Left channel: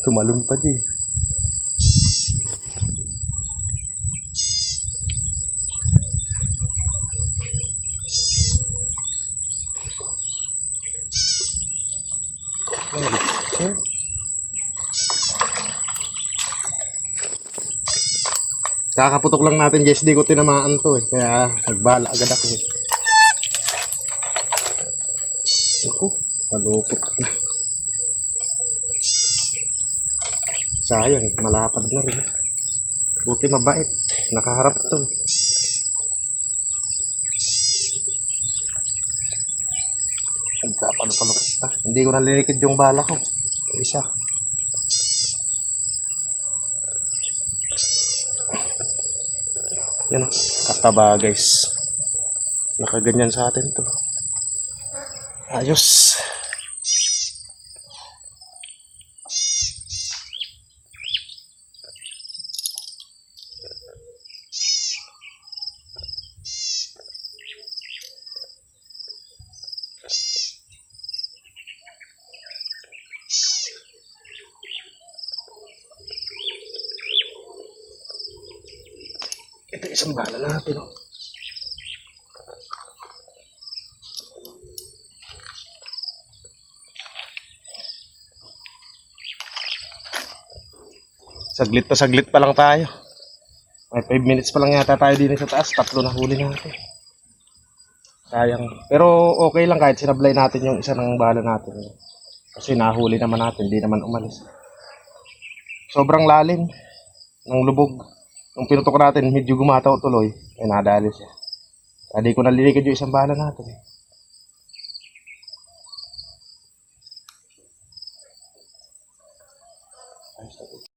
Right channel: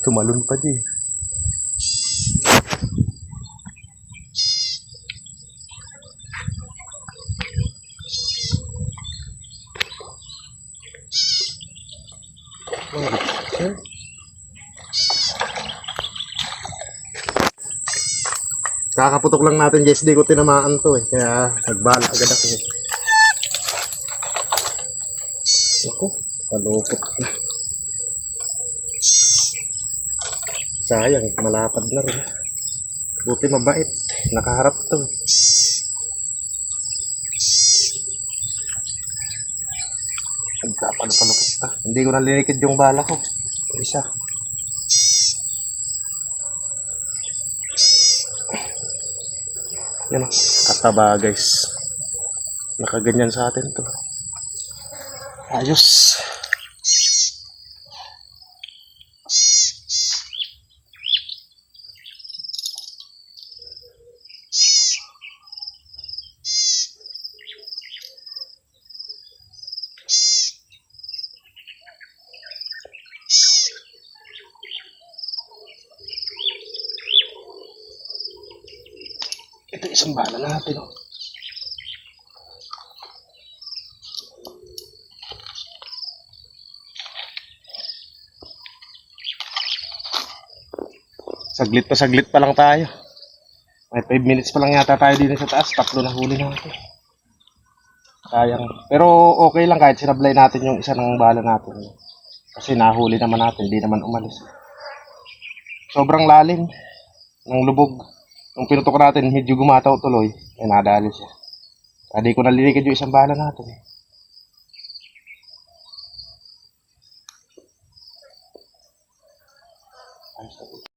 Tumalon pa din. Kakaputok lang natin guys, di ko tinamaan to eh. Kaya nagbala agad ako eh. Ako, malupit. Sayang, malapad na rin. Buti mabait, nakaharap to. Nagkapalupalupit pa. Hindi ko nalilikid yung bala ko. Isa. Yan, kataba guys. Nakaganyan sa atin to. Ayos. Ito isang bala natin, oh. Saglit na saglit pa lang tayo. May 5 minutes pa lang yata tayo dito sa taas. 3 na huli natin. Sayang. Pero okay lang kahit sinablay natin yung isa ng bala natin. Kasi nahuli naman natin. Hindi naman umalis. Sobrang lalim ng lubog. Nung pinutok natin, medyo gumataw tuloy. Ay nadali siya. Hindi ko nalilikid yung isang bala natin. Ayos na.